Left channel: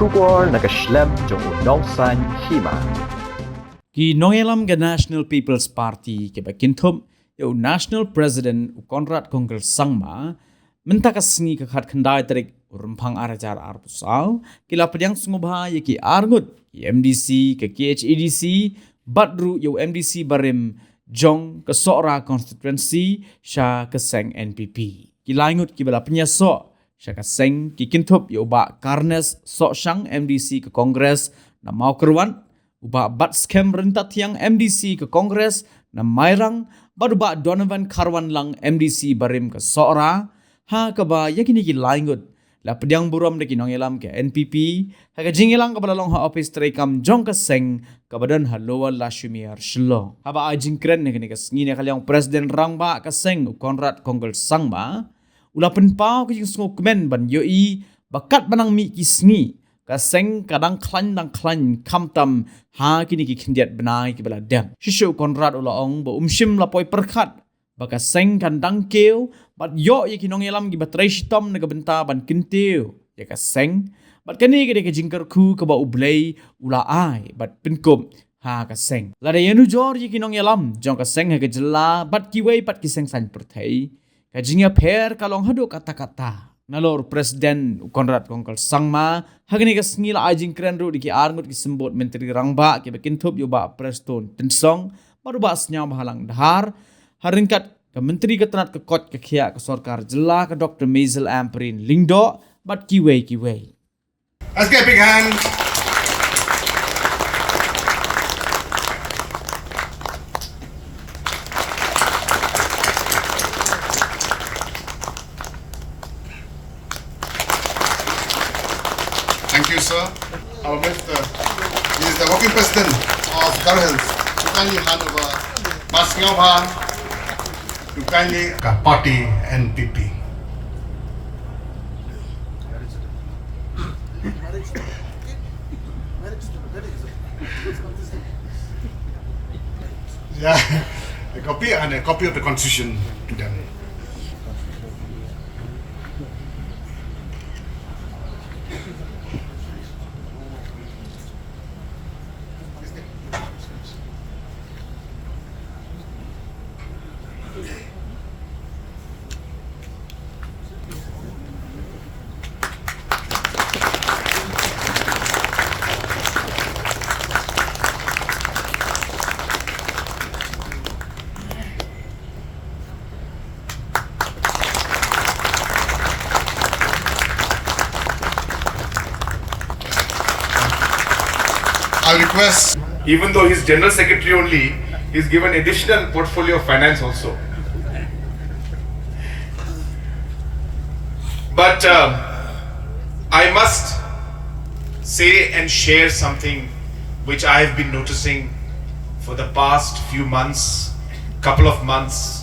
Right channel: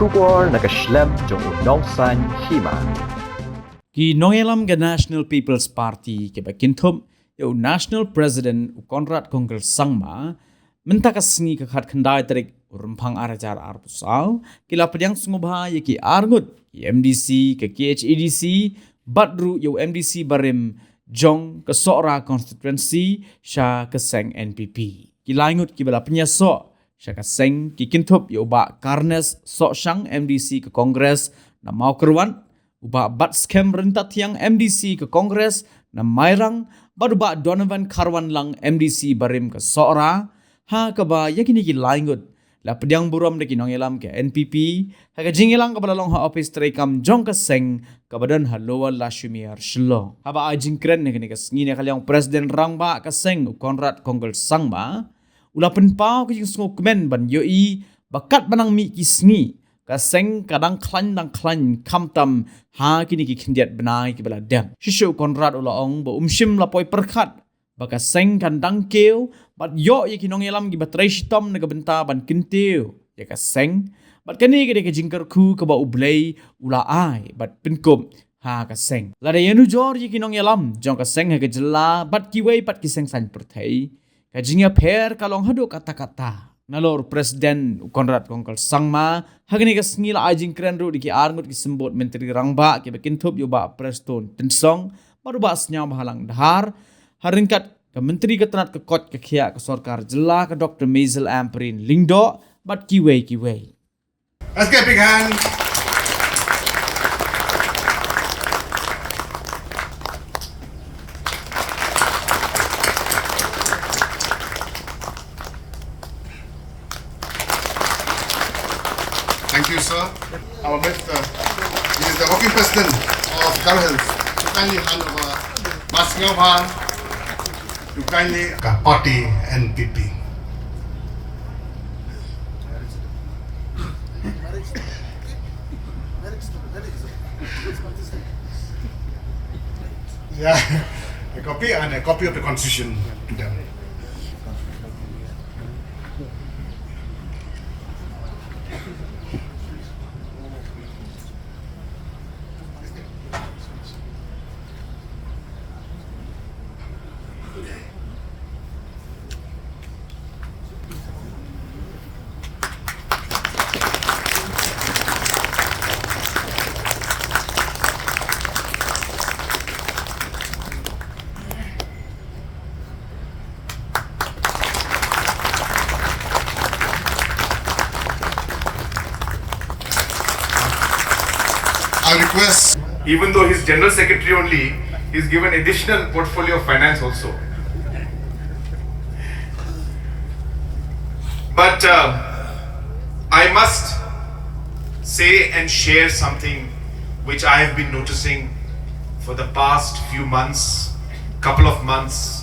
Shugor nakaslem jong unongsan Hima. Ki Nongrim ke National People's Party ke bakinthum yo National President Konrad Kongkel Sangma minta kasngi ke khat khandai tarik rumpang arajar arpusau kila pedyang sungubha ye ki argut MDC ke KHEDC badru yo MDC barim jong ke Sora constituency sha ke Seng NPP kila ingut ki bala Pynïasoh sha ke Seng ki kintup yo ba Karnes sok shang MDC ke Kongres na mau kerwan uba bat scam rentat yang MDC ke Kongres na mairang baru ba Donovan Karwan lang MDC barim ke Sora ha ke ba yakini ki laingut la pedyang buram de ki Nongrim ke NPP ha ke jingilang ke balalong ha office Treikam jong ke Seng ke badan ha lower la shumiar shlo ha ba ajing kren ne ke ngine kalyang presiden rang ba ke Seng Konrad Kongkel Sangma ula penpau ke jing sngo kemen ban yoi bakat banang mi ki sngi ka Seng kadang klan kamtam ha kini ki khindiat benai ki bala dam shishu Konrad ula ong bo umshim la poi perkhat baka Seng kandang keu bat yo ye ki Nongrim ki batrai shitom na benta ban kintiu ya ka Seng bat kani ke de jingkar ku ke ba ublei ula ai bat pinkum ha ka Seng la de yenu jor ye ki Nongrim jong ka Seng ha ke jela bat ki wei pat ki Seng san perthai ka jinga per kalong hadu kata-kata nalor presiden Konrad Kongkel Sangma hagni ka sngira ajing kren ru di ki arngut ki sembot menteri rangba ki bekintup yo ba preston tensong baru ba snya bahalang dahar haringkat ke menteri ketenat ke kot ke khia ke sarkar jela ke Dr. Maisel Amperin lingdo bat ki wei Let's get a big hand. Thank you, sir. Our minister, he is the working president of Garhel. You kindly hand over Masngabha to kindly party NPP. Yeah, a copy and a copy of the constitution to them. I request, even though he's General Secretary only, he's given additional portfolio of finance also. But I must say and share something which I have been noticing for the past few months, couple of months,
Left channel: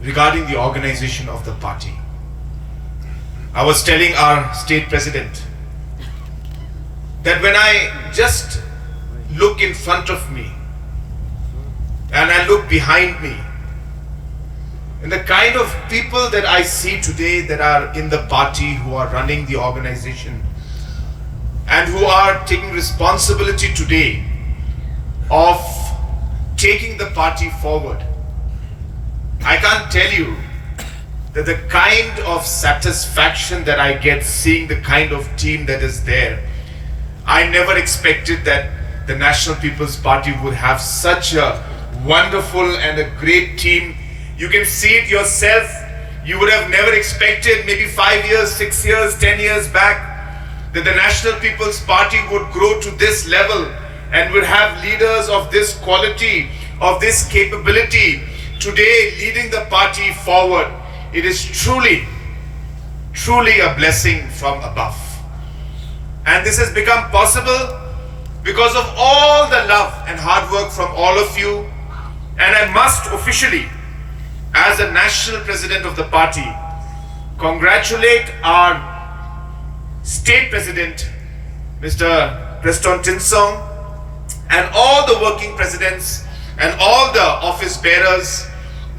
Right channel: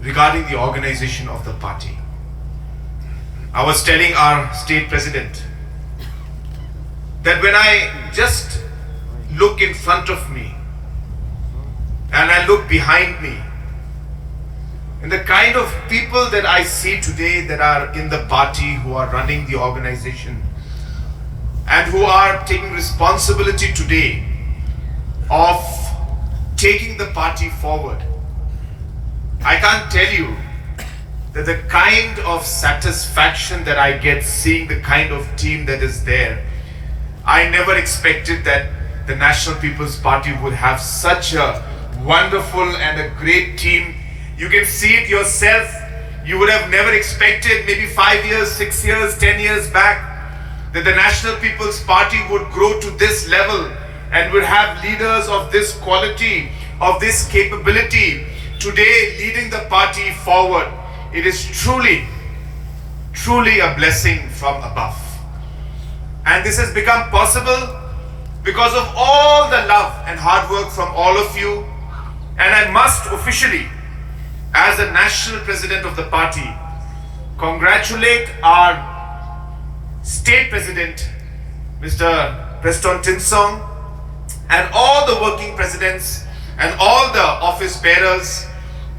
regarding the organization of the party. I was telling our state president that when I just look in front of me and I look behind me, and the kind of people that I see today that are in the party, who are running the organization and who are taking responsibility today of taking the party forward, I can't tell you that the kind of satisfaction that I get seeing the kind of team that is there. I never expected that the National People's Party would have such a wonderful and a great team. You can see it yourself. You would have never expected maybe 5 years, 6 years, 10 years back that the National People's Party would grow to this level and would have leaders of this quality, of this capability today leading the party forward. It is truly a blessing from above. And this has become possible because of all the love and hard work from all of you. And I must officially, as the national president of the party, congratulate our state president, Mr. Preston Tinsong, and all the working presidents and all the office bearers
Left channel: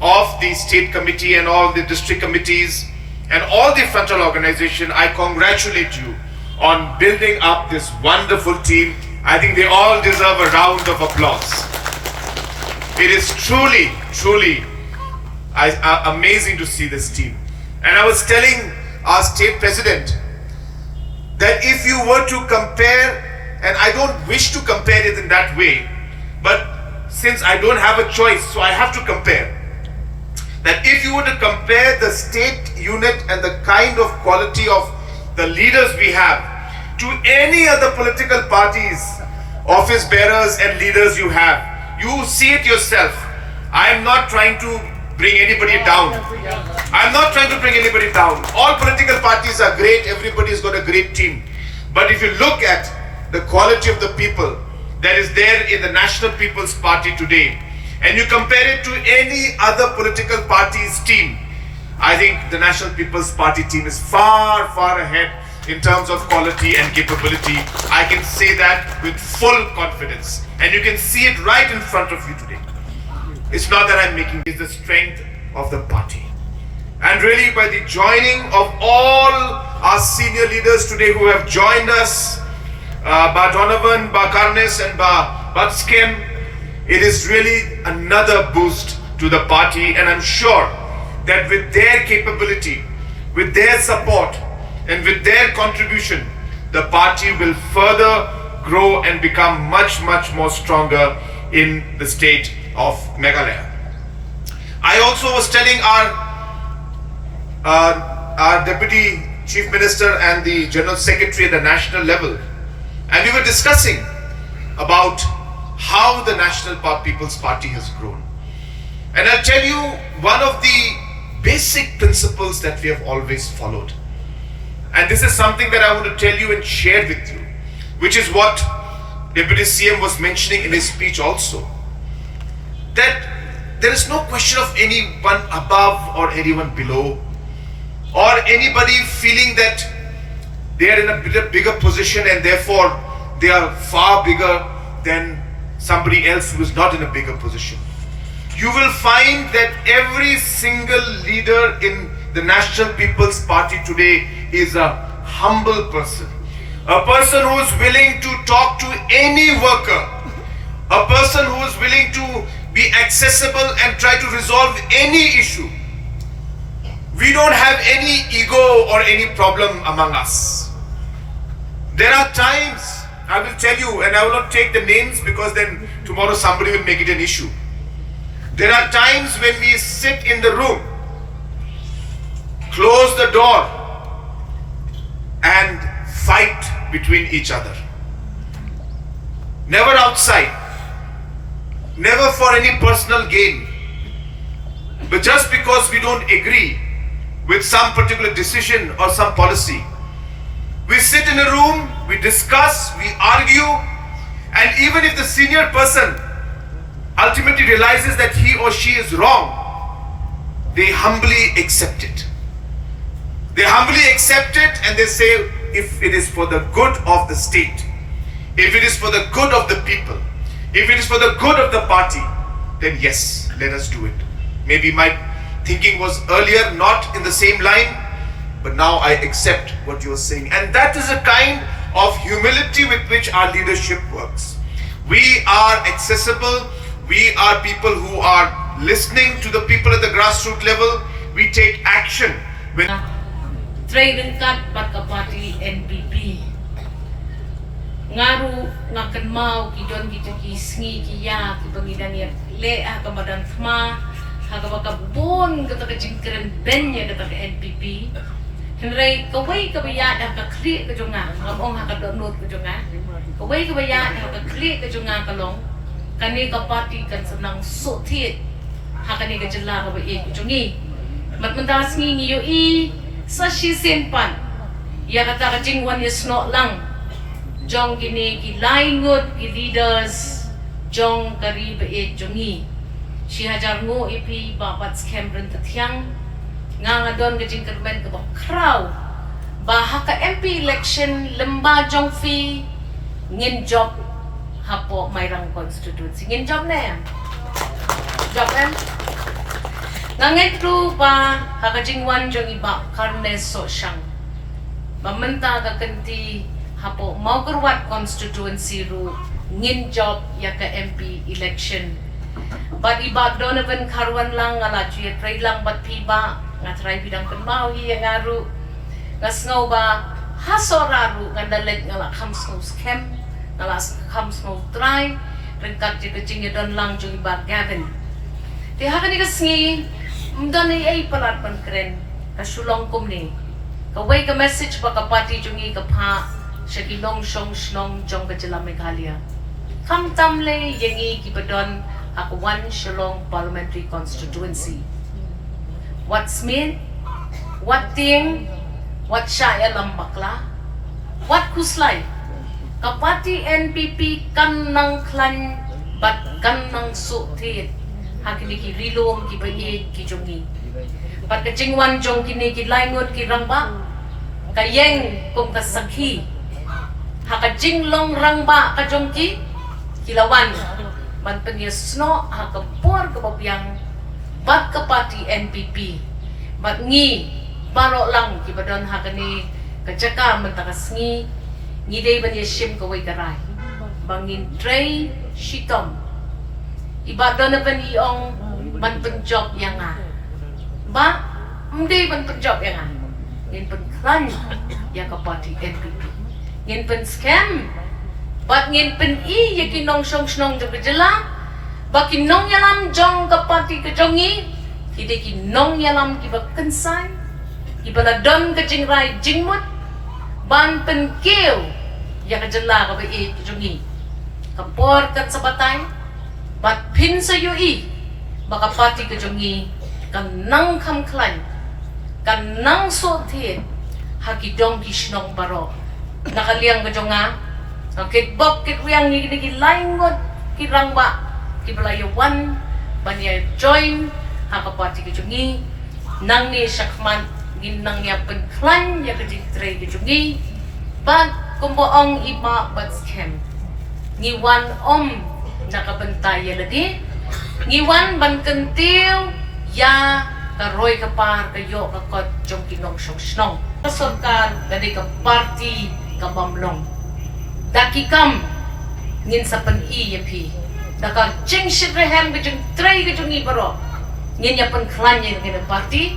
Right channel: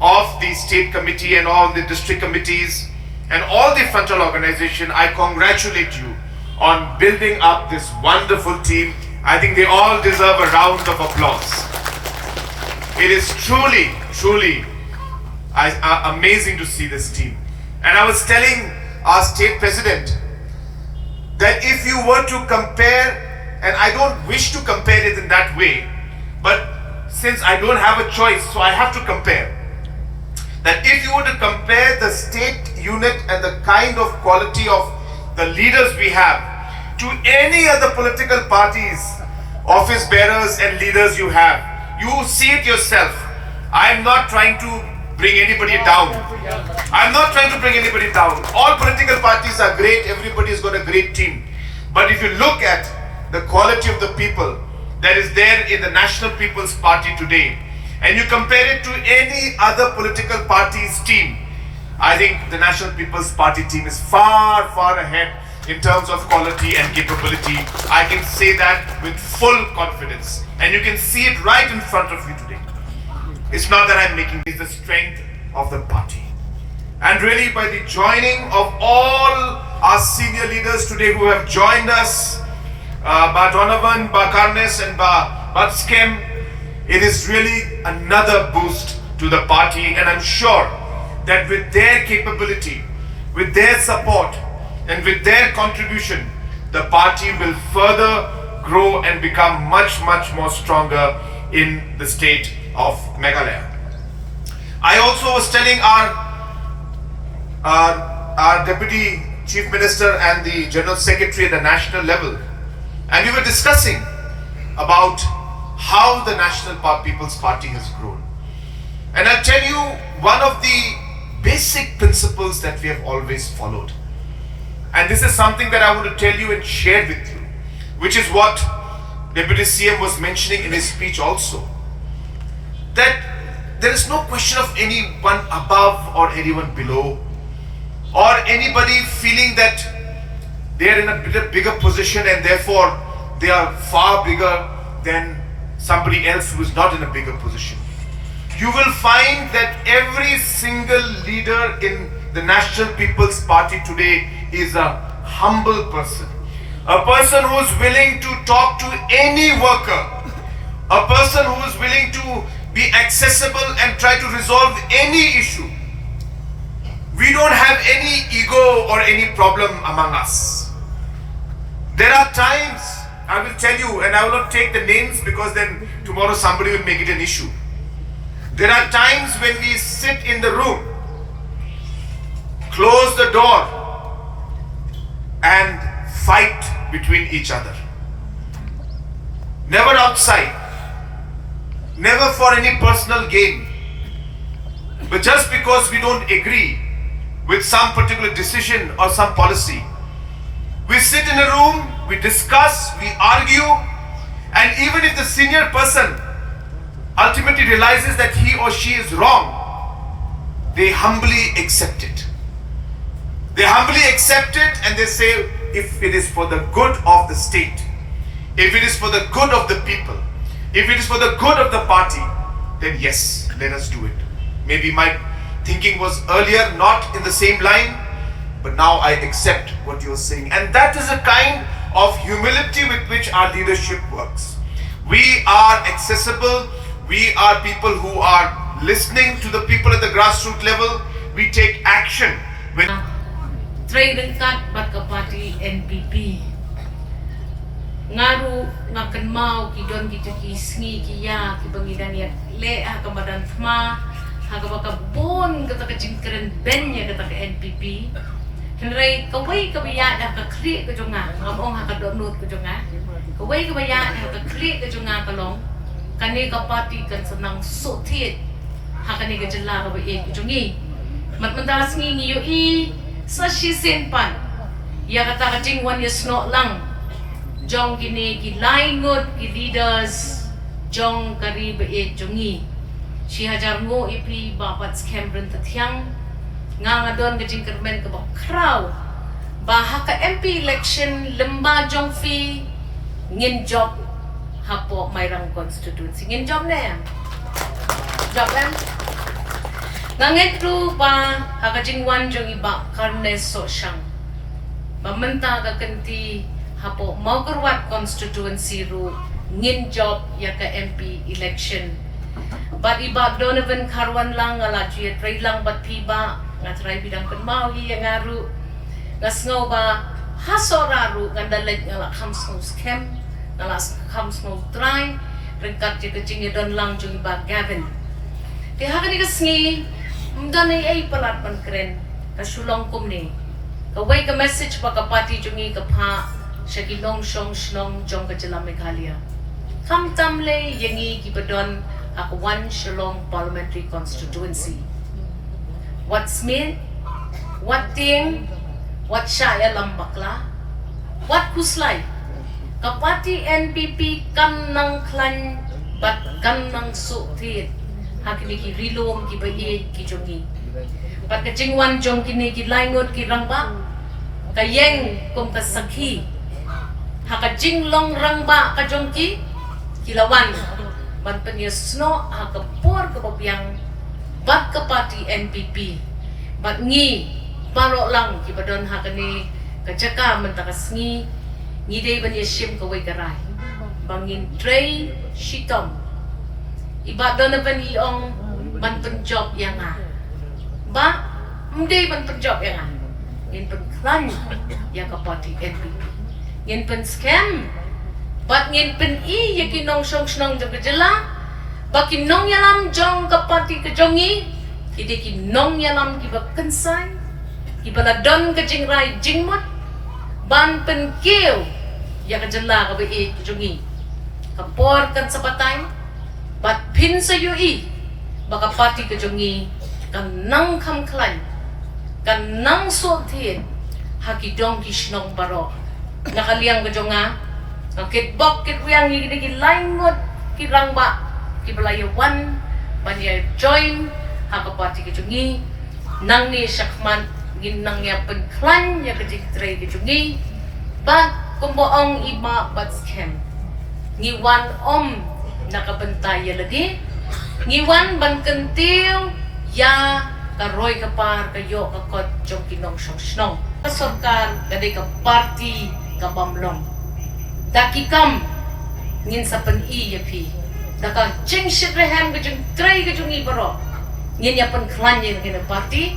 of the state committee and all the district committees and all the frontal organization. I congratulate you on building up this wonderful team. I think they all deserve a round of applause. It is truly, truly amazing to see this team. And I was telling our state president that if you were to compare, and I don't wish to compare it in that way, but since I don't have a choice, so I have to compare. That if you were to compare the state unit and the kind of quality of the leaders we have to any other political parties, office bearers and leaders you have, you see it yourself. I am not trying to bring anybody down. I'm not trying to bring anybody down. All political parties are great. Everybody's got a great team. But if you look at the quality of the people that is there in the National People's Party today, and you compare it to any other political party's team, I think the National People's Party team is far, far ahead in terms of quality and capability. I can say that with full confidence. And you can see it right in front of you today. It's not that I'm making it, it's the strength of the party. And really by the joining of all our senior leaders today who have joined us, Ba Donovan, Ba Karnes and Ba Skem, it is really another boost to the party, and I'm sure that with their capability, with their support and with their contribution, the party will further grow and become much, much more stronger in the state of Meghalaya. I also was telling our Deputy Chief Minister and the General Secretary at the national level, and we were discussing about how the National People's Party has grown. And I'll tell you one of the basic principles that we have always followed. And this is something that I want to tell you and share with you, which is what Deputy CM was mentioning in his speech also. That there is no question of anyone above or anyone below, or anybody feeling that they are in a bigger position and therefore they are far bigger than somebody else who is not in a bigger position. You will find that every single leader in the National People's Party today is a humble person. A person who is willing to talk to any worker. A person who is willing to be accessible and try to resolve any issue. We don't have any ego or any problem among us. There are times, I will tell you, and I will not take the names because then tomorrow somebody will make it an issue. There are times when we sit in the room, close the door, and fight between each other. Never outside, never for any personal gain, but just because we don't agree with some particular decision or some policy. We sit in a room, we discuss, we argue, and even if the senior person ultimately realizes that he or she is wrong, they humbly accept it. They humbly accept it and they say, if it is for the good of the state, if it is for the good of the people, if it is for the good of the party, then yes, let us do it. Maybe my thinking was earlier not in the same line, but now I accept what you are saying. And that is a kind of humility with which our leadership works. We are accessible. We are people who are listening to the people at the grassroots level. We take action. Treikam Baka Party NPP. Ngaru ngakan mau kidon kita ki sngi ki ya ki bangidan ya le akamadan thma hakabaka bon kata ka jingkren ben ya kata ka NPP. Henry kawai kabaya da ka kli ka jonga ngomong ha ka download ka jonga. Kawai kabaya da ka kli ka jonga kalong. Kani ka party kan senang sotit hakani ka jela ka e jongi mat mentas ngi ngiyo i sa shi sempan ya kata ka jingwan ya sno lang jong kini ki laingot ki leaders jong kari ba e jongi shi hajar ngo ipi babat scam ren tathyang nga don ka jing kermen ka ba kraw ba ka MP election lemba jong fi ngin job hapo mayrang constituency ngin job na job kan nangit tu pa hakajingwan jong iba karne so siyang Bamenta ka kenti hapo Mogurwat constituency ru ngin job ya ka MP election. But iba Donovan karwan lang ngala juya try lang bat piba nga try bidang kenmawi yang ngaru ngas ngau ba hasoraru ngandaleg ngala kamsno scam ngala kamsno try rengkat je kecing don lang jung ba Gavin. Di hakan ni kasngi mdani ay palatpan keren kasulong kum ni. Kaway ka message pa kapati jungi kapha siya ginong shnong jong ka jala Meghalaya. Kamtamle yangi kibadon ako one Shillong parliamentary constituency. What's mean? What thing? What siya lambakla? What kuslay? Kapati NPP kan nang klan bat kan nang sutit hakini ki rilom ki bayi ki jongi. Pat kacingwan jong kini ki laingot ki rangba kayeng kum kasakhi hakajing long rangba ka jongki kilawan man Pynïasoh hakapor kababyang bat kapati NPP bat ngi baro lang ki badon hakani kajaka mentakas ngi day Pynïasoh kaway karay bangin Treikam iba Donovan iong man penjob yang ba hindi man penjob yang yin pen klan ya kapati NPP yin pen scam bat yin pen ya kinong snong jong kejela ba kinong yalam jong kapati kejongi ide kinong yalam kiba kensai ibala don kejing rai jingmut ban pen keu ya kejela kabe kejongi kapor kan sapatay bat pin sa yui baka pati kejongi kan nang kam klan kan nang sotin hakidong kisnong baro nakaliang kejonga nakit bok kit yang ni ki laingot ki rangba ki belayawan banya join hakapati kejongi nang ni sakman ginang ya penklan ya kejitray kejongi bat kumboong ima bat scam ngiwan nakabantay ya ladi ngiwan ban kentil ya karoy kapar kayo kakot jong kinong snong pasorkan kadai ka party ka bamlong dakikam ngin sa pan-i yapi daka ching shitrehem ka jong try ka jong ibaro ngin ya pan klanya ngin party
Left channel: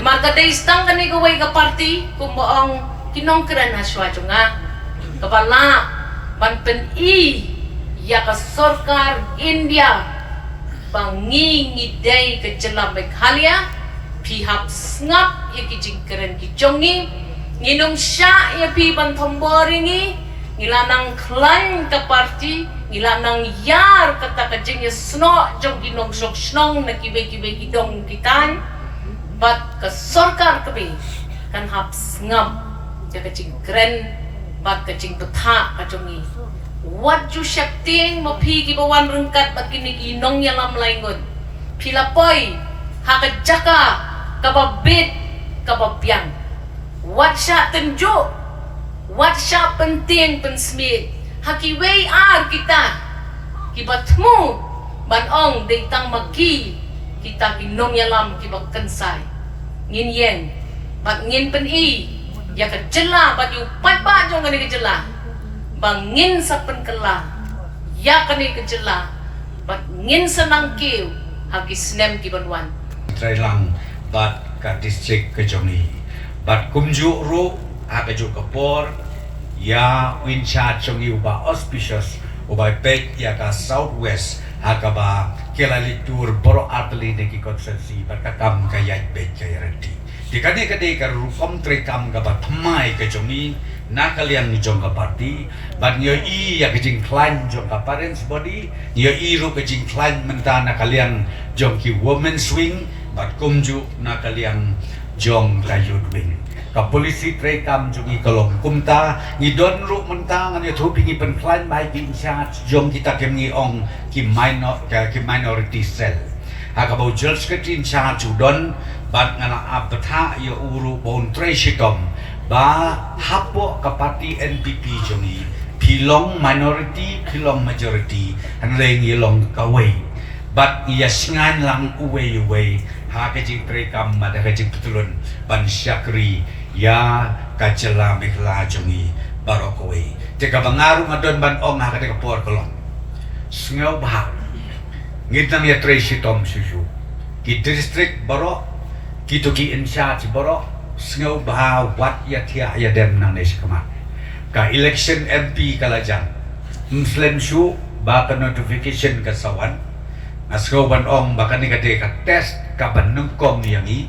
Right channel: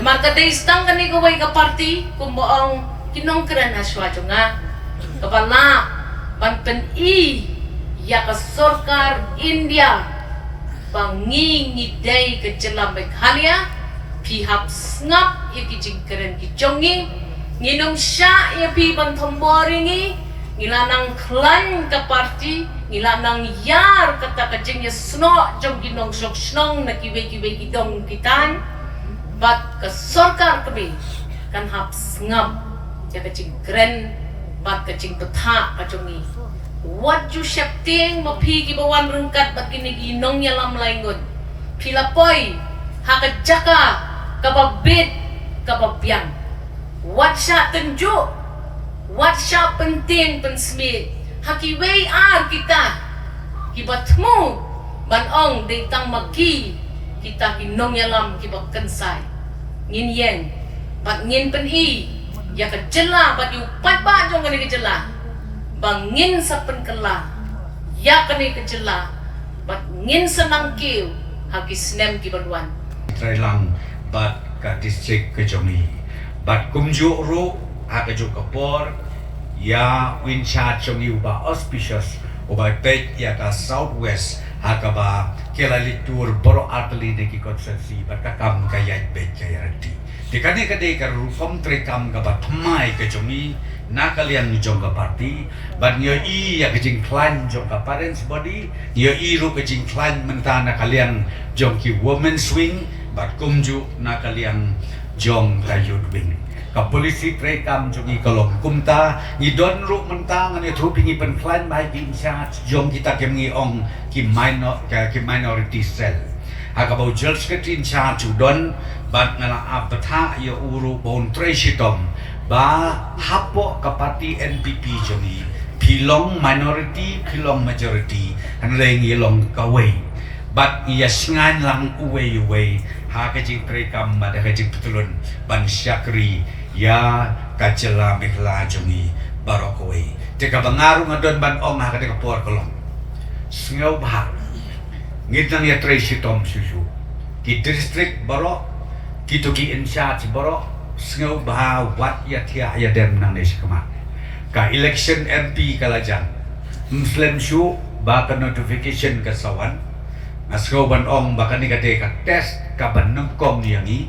namar kadai stang kanay kaway ka party kumbaong kinong kran haswa jonga kapala ban pan-i ya ka sorkar India bangi ngidai ke jela Meghalaya pihak ngap ya ki jingkeren ki jongi nginong sya ya pi ban thomboringi ngilanang klan ka party ngilanang yar kata ka jing ya sno jong ginong sok snong na kibe kidong kitan bat ka sorkar kebe kan hap ngap ya ka jingkeren bat ka jing tutha ka jongi what you shapting mapi gibawan rengkat bat kini ginong yalam laingon pilapoy hakajaka kababit kababyang what sya tenjo what sya penting pensmit hakiway kita kibatmu banong deitang maki kita ginong yalam kibak kensai ngin yen bat ngin pen-i ya kejela bat yu pat jong ngani kejela bangin sa penkela ya kani kejela bat ngin senang kiu hagis nem ki banwan Treikam bat ka distrik kejongi bat kumju ru hagaju kapor ya wincha jongi uba auspicious uba pet ya ka southwest hagaba kelalitur boro atli neki konsensi bat kakam kayat pet kayarati dikane kade ka Rukom Treikam ka bat mai kejongi nakalian jong ka party but nyo ya kejing klan jong ka parents body nyo ru kejing klan menta nakalian jong ki women swing but kumju nakalian jong ka youth wing ka polisi Treikam jong kolom kumta ni don ru menta ngani thupingi pen klan bai ki charge jong kita kemngi ong ki minority cell hakabau judge ketin charge don but ngana apatha ya uru bon Treikam ba hapo kapati NPP joni pilong minority pilong majority hanreng yelong kaway but iya singan lang uway ha kajing Treikam ada kajing tutulun ban syakri ya kacela mikla jongi barokoi te ka bangaru ngadon ban ong ha ka te kapor kolon sngau bah ngitang ya tracy tom susu ki district barok ki to ki insha ti barok sngau bah wat ya tia ya dem nang nes kama ka election MP kalajang inflame shu ba ka notification ka sawan asgo ban ong ba ka ni ka te ka test ka ban nungkom yang i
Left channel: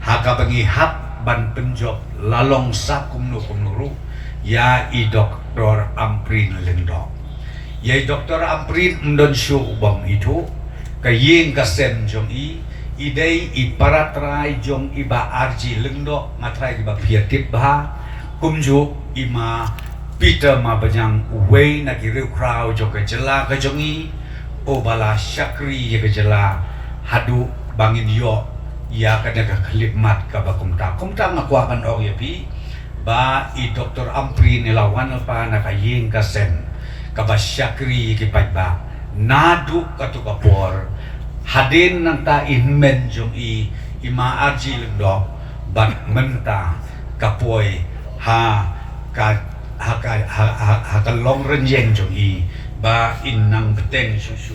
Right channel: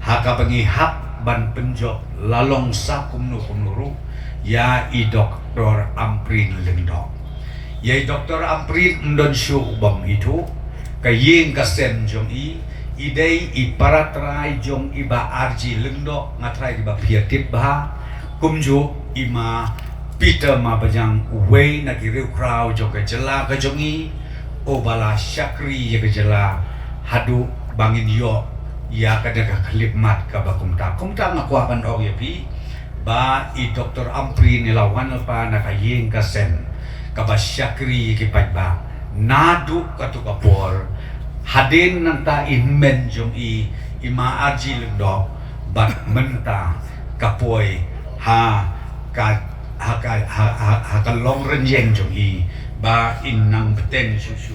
ha ka bangi hap ban penjok lalong sa kumnu ya i doktor amprin lendok ya i doktor amprin ndon shu bang itu ka yeng ka sem jong i idei i paratrai jong i ba arji lendok matrai di ba piatip ba kumju ima Peter ma bajang wei na ki crowd jong ka jela ka jong i o bala syakri ka jela hadu bangin yo ya kada ka klipmat ka ba kumta ngakuakan og ya pi ba i doktor ampri nilawan pa na kayeng ka sen ka ba syakri ki ba nadu ka to kapor hadin nang ta inmen jong i ima arji lendo ba menta kapoy ha ka long renjeng jong i ba innang beteng susu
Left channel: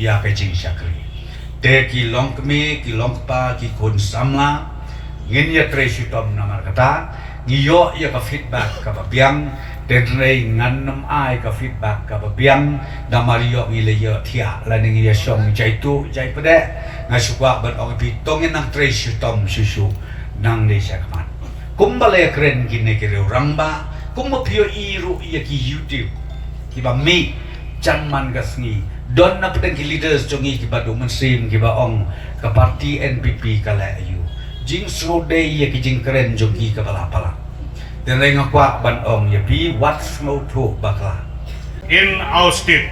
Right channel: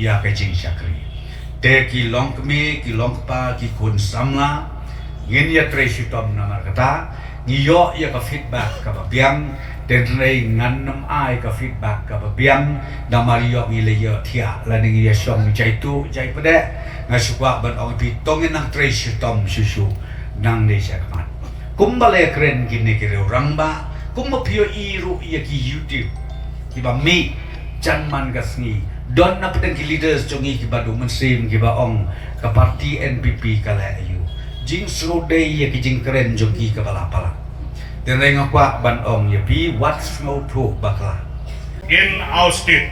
ya ka jing syakri te ki long kme ki long pa ki kun samla ngin ya tracy tom namar kata ngiyo ya ka feedback ka biang den rei ngan nam ai ka feedback ka biang da mario ngile yo thia la ning ya song jai tu jai pade ngasukwa ban ong pi tongin nang tracy tom susu nang de sakman kumbale kren gine ki ramba kumma pio iru ya ki youtube ki ba mi janman gasngi don na pedang ki leaders jongi ki badu mensim ki ba ong ka parti NPP kala ayu jing srode ya ki jing keren jongi ka bala pala den reng akwa ban ong ya pi what's no to bakla in our state.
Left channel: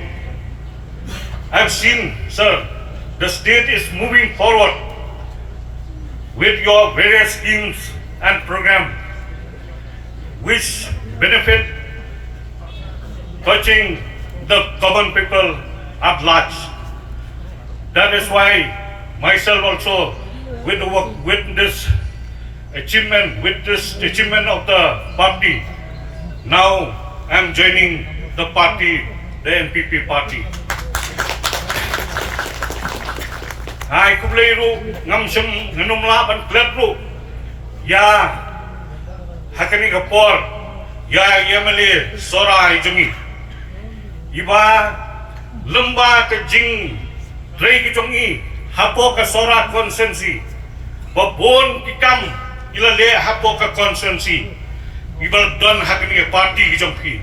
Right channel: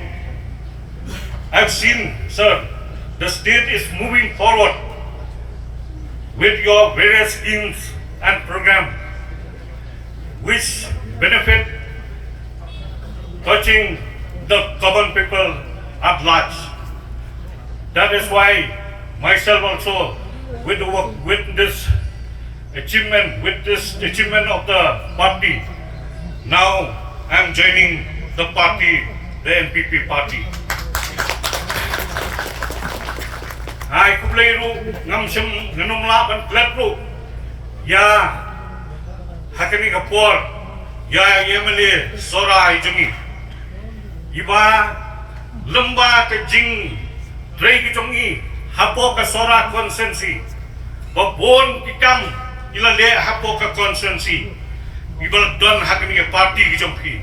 I've seen, sir, the state is moving forward with your various schemes and programs which benefit touching the common people at large. That is why myself also with this achievement of the party, now I'm joining the party, the NPP party. Hai kubleiru ngamsem ngenumla ban kletru ya hakani kapor ya yemele sorai jungi iba lemba ke jing rei ki jungi hapo ka sora konsensi babon pikam ila le hapo ka konsensi iba don hakani party ki jumpi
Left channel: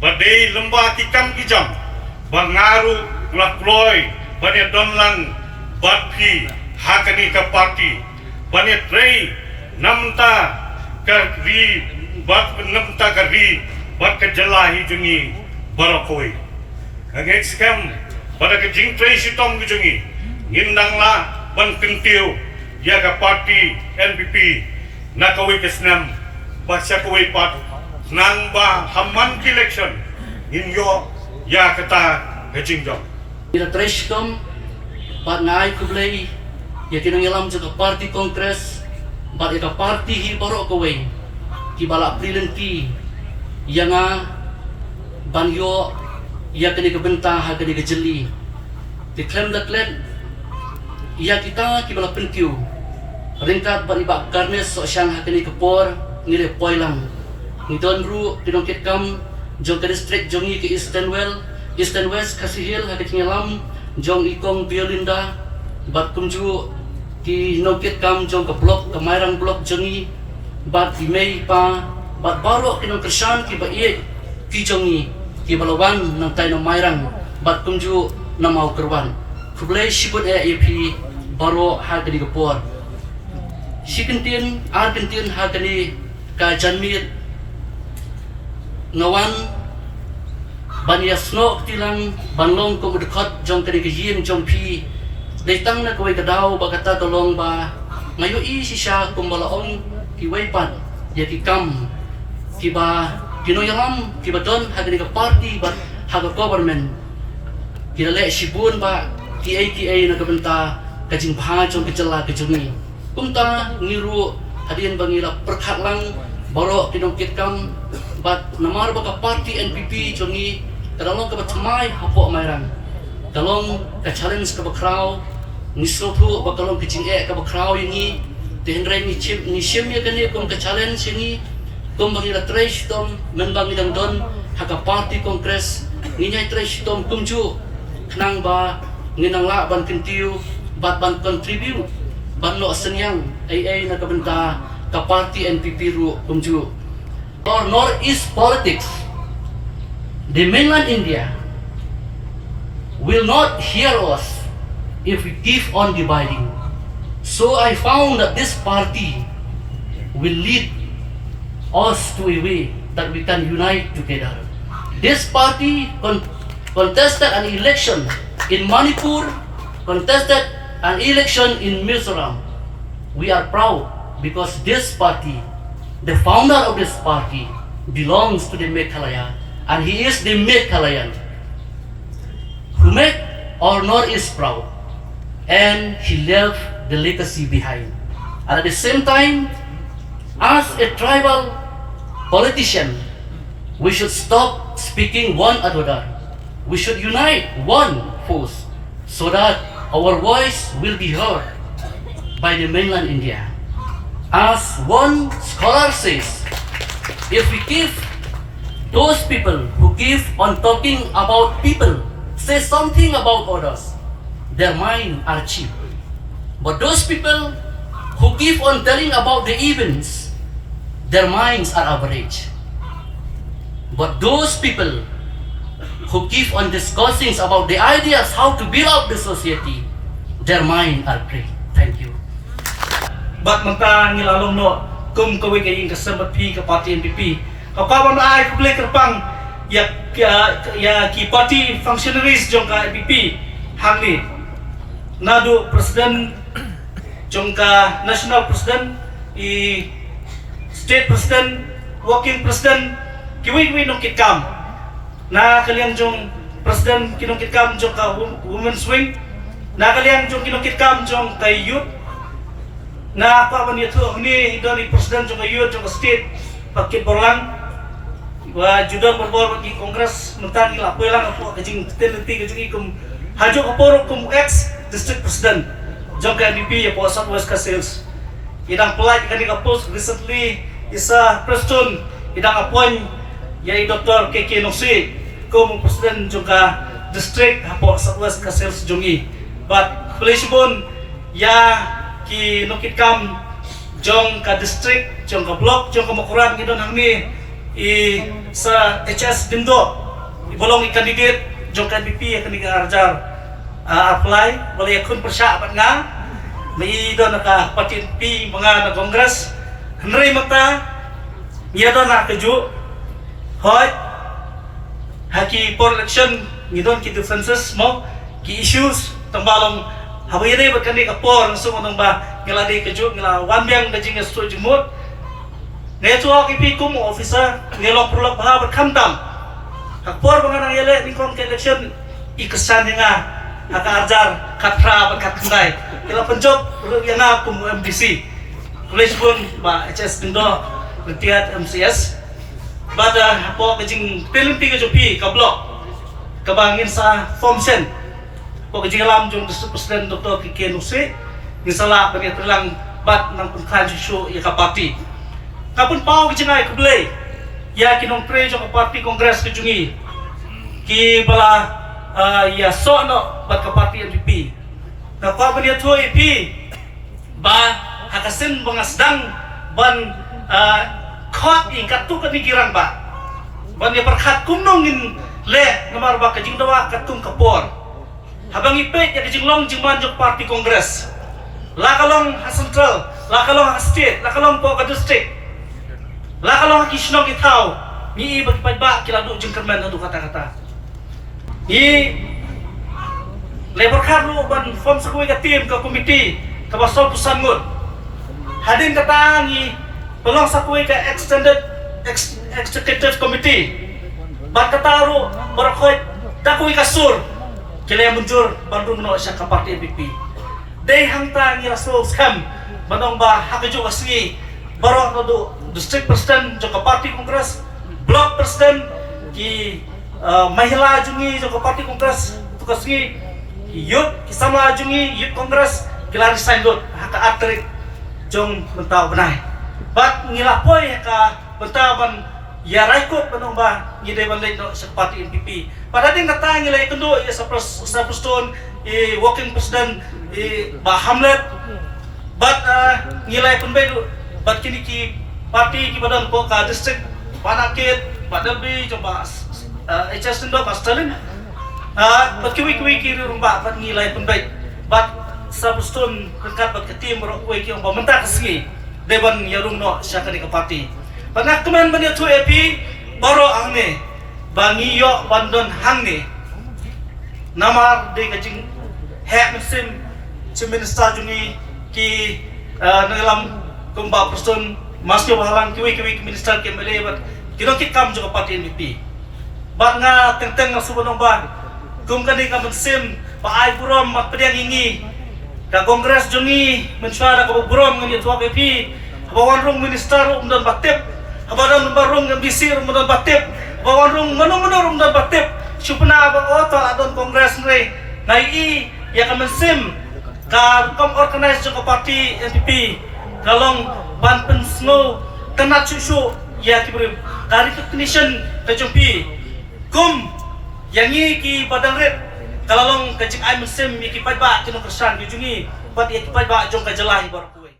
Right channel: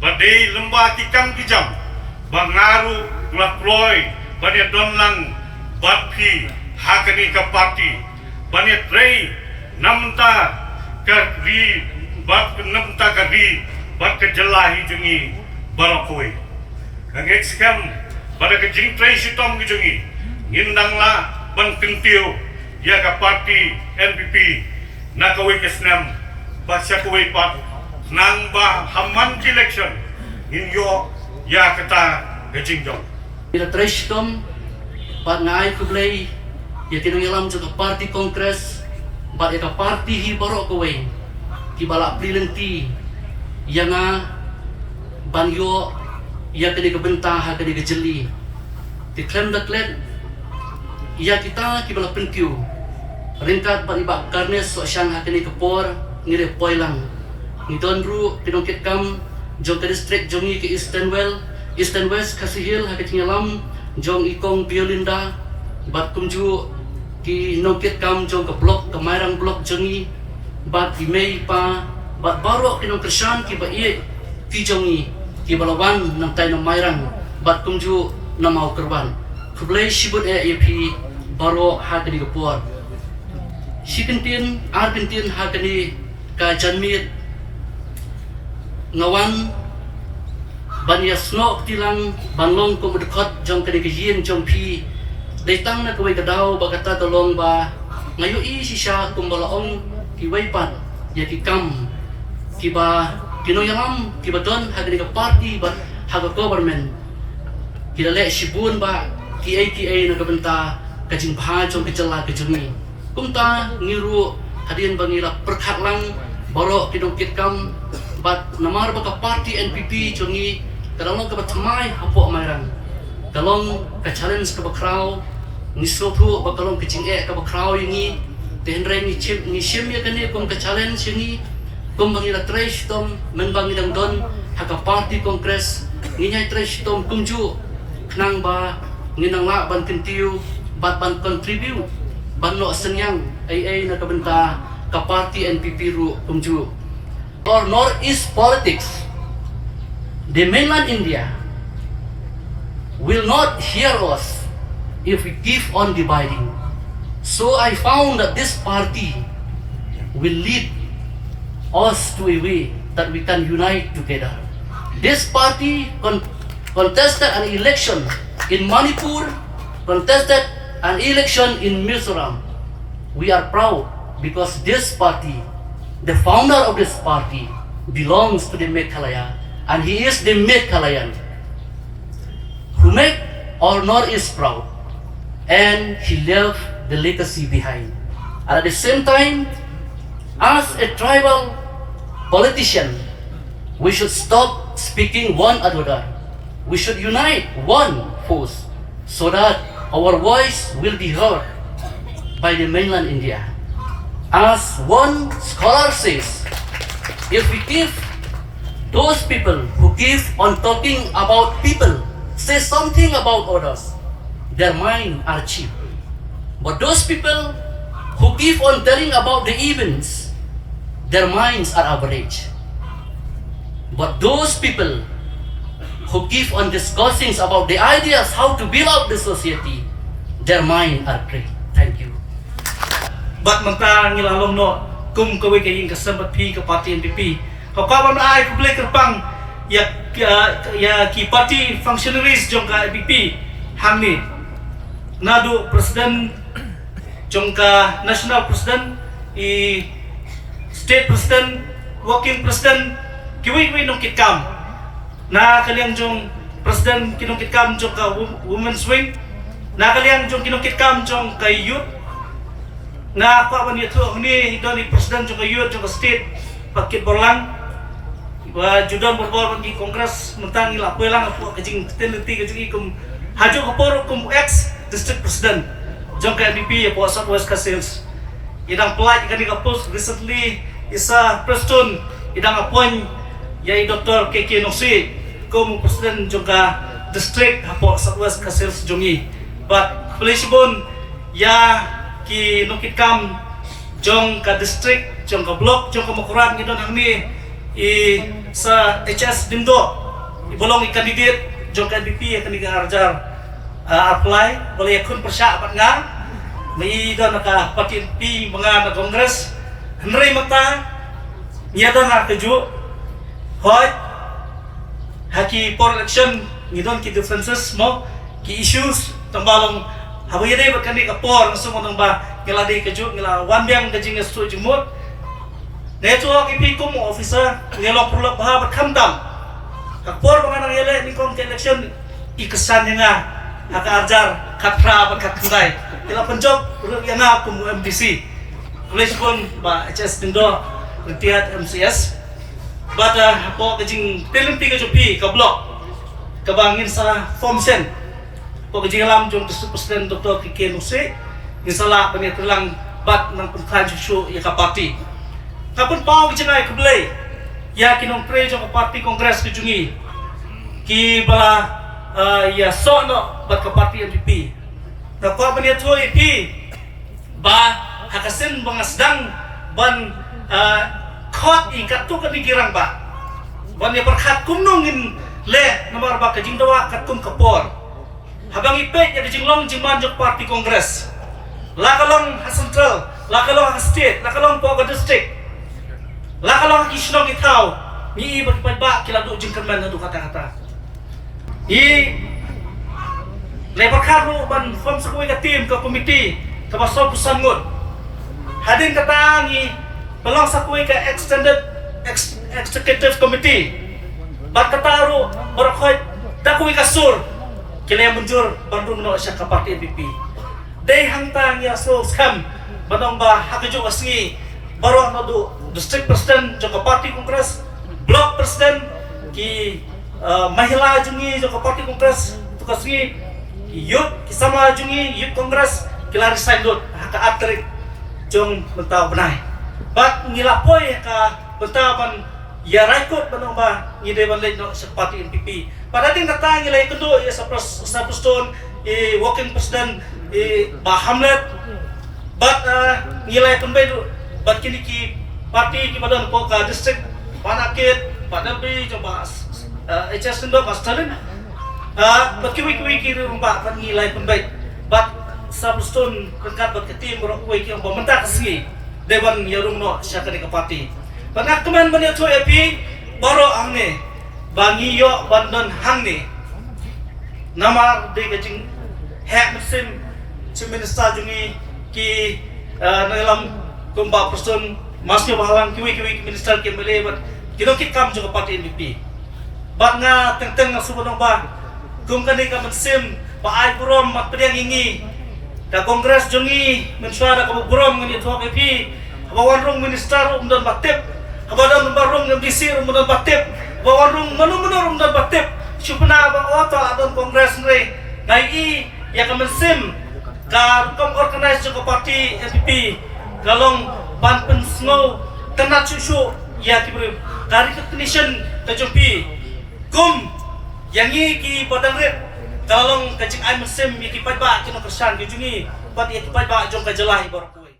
badai lemba tikam ki jam bangaru lakloi badai don lan Batpi hakani ka party bani trei namta ka ri bat namta ka ri bat ka jalahi jungi barakoi ang ekskam pada ka jing trei sitom ki jungi ngindang la ban pentiu ya ka party NPP na kawai kesnam basya kawai pat nang ba hamman ki election ninyo ya kata ka jingjong ila trei sitom Pat ngai kublay ya kinangilam sa party congress pat ika party hi barok kowe ki bala prilenti ya nga banyo ya kini kebenta ha kini kejeli di klem da klem ya kita ki bala pentiu ringkat ban iba karnes so syang ha kini kepor ngire poilang ngidon ru tinongkit kam jong district jongi ke eastern west kasihil ha ketingalam jong ikong Biolinda bat kumju ki nokit kam jong ke blok ke mairang blok jongi bat di mei pa bat barok kinong kersan ki ba iye ki jongi ki balawan nang tay nang mairang bat kumju na mau kerwan kublay sibut ep baro ha kini gepor sikintin argentin ha kini ka janmit ngawan Banyasno tilang banlong ko dekat jong kene kejien jong pi letang na kowe kadaw bagata tolong ba ngayo i si siya kumbalaong ki waypat ya ki kam ki ba kinoyalam ki ba don hagani ka party ba haga government ki le sibun ba ki ATA na kabenta kajing bha jong kejala kejuni kumta ngiru hadin bangila perkhatlang borok kinongkit kam bat namar baka parti NPP chongi kadalong ka batmai hapo amaran dalong ka challenge ka bakraw ni sopru bakalong kicing ka bakraw yingi tenren ni shim ya kani kong ka challenge yingi kong bangila trash tom men bangilang don haka parti kongres nginyai trash tom kumju nang ba nginang la ban kintiu bat ban contribute ban no senyang ai na kabenta ka parti NPP ru kumju or northeast politics the mainland India will not hear us if we keep on dividing. So I found that this party will lead us to a way that we can unite together. This party contested an election in Manipur, contested an election in Mizoram. We are proud because this party, the founder of this party, belongs to the Meghalaya, and he is the Meghalayan who make our Northeast proud, and he left the legacy behind. And at the same time, as a tribal politician, we should stop speaking one another. We should unite one force so that our voice will be heard by the mainland India. As one scholar says, if we give those people who keep on talking about people, say something about others, their minds are cheap. But those people who keep on telling about the events, their minds are average. But those people who keep on discussing about the ideas how to build up the society, their minds are great. Thank you. Bat manta ngilalong no kum kawi kaying kasambat pi ka parti NPP kau kawan ai publik kerpang ya ki parti functionaries jong ka NPP hamni nadu presiden jong ka national president i state president working president kiwi nong kitkam na kaliang jong president kinong kitkam jong ka women's wing na kaliang jong kinong kitkam jong ka youth na apa ni tu ni dan ni presiden juga youth juga state paket borlang wa judan berbor bagi kongres mentang ila pelang apa kecing tendensi kecing kum haju kapor kum ex district president jongka NPP ya po Southwest Castles idang pelaj kan kapos recently isa preston idang appoint ya Dr. KK Nosi kum presiden juga district po Southwest Castles jongi but pelishbon ya ki nukit kam jong ka district jong ka block jong ka makuran ngidon hangni i sa HS dindo ibolong i candidate jong ka NPP akan digarjar apply boleh akun persya apat nga may idon naka parti NPP mga na kongres henry mata ngidon na keju hot haki for election ngidon ki differences mo ki issues tambalong habang yan ay magkandi kapor, gusto mo nang ba ngiladi ka dyan, ngila wandang dajing nga sto jumot. Neto ako ipiko mo, officer, ngilong pulak mahabat kamdam. Kapor mga nang yala, ni kong ka-election, ikasan niya nga, naka-arjar, katra, katkanday. Kila panjob, yan na kung MDC. Police pun, ba, HS Dindo, Retiat MCS. Bada, po, kajing pilimpi ka jupi, ka-block. Kabangin sa form sen. Kung kajigalam jong District President Dr. KK Nosi, misalnya penyetelang bat ng pungkan susu ya ka parti. Kapun pao kajinay kublay, ya kinong pre jong parti kongres kajungi, ki bala ya so no bat ka parti NPP. Kapag penyeto IP, ba hakasin bangasdang ban kot ingkat tu kanigirang ba. Ban ya perkat kumnongin le namar ba kajing dawa katum kapor. Habang ipek ya dijinglong jingman jok parti kongres. Lakalong ha central, lakalong ha state, lakalong po ka district. Lakalong ha kisnong itaw. Ni iba kipagba kilado jingkerman hadu kata-kata. I labor kanu ban form sa kuwi ka team ka committee ka basol pusangot. Hadin kataangi pelong sa kuwi ka executive committee. Bat kataro ora koy da kuwi ka sur. Kila yang muncul bandung no siya ka parti NPP. Day hangtang ya so scam manong ba hakajo kasni baru ako do district president joko party kongres, block president ki mahila jungi joko party kongres tukas ni youth kisama jungi youth kongres kilari sign dot haka atrik jong bentau benai bat ngilapoy ka bentaban ya raikot banumba ngide ban Leit no sa party NPP pada din kata ngilay kendo ya sa preston working president Hamlet but ngilay pun bay but kini ki parti ki badan ko ka district panakit badal bi coba HS ndo ka Stalin but kiwi ki rumba but ngilay pun bay but sabuston kerkat bat ketim ro ko ki ang pamenta kasi deban yarung no sa kani ka parti panak teman ban tu epi baro angne bangiyo bandon hangne nama de kajing hek mesin minister jungi ki nalam kumba person masih bahalang kiwi minister ki mele bat kino kit kam juga parti NPP banga teng subonong ba kum kani ka mesin pa ai burom mat pedang ingi ka kongres jungi mensuara ka burom ngi tu PP bawarung minister umdan batep abadam barung MDC umdan batep bawarung mano umdan batep supna ba oto adon kongres ngai nai ya ka mesin ka Rukom organize joko parti NPP kalong banten snow kena cucu ya kibrim dari recognition ke jompi kum yang ni ki padang red kalong kecik ai mesim ya ki padba kino kesan ki jungi pat ya ki padba jong ka jelai bor kuwe.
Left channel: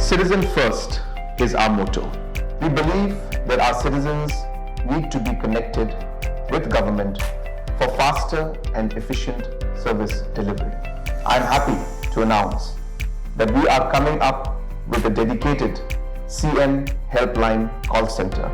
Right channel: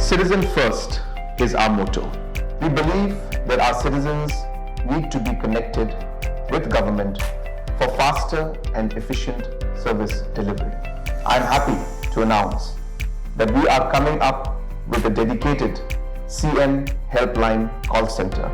Citizen first is our motto. We believe that our citizens need to be connected with government for faster and efficient service delivery. I'm happy to announce that we are coming up with a dedicated CM helpline call center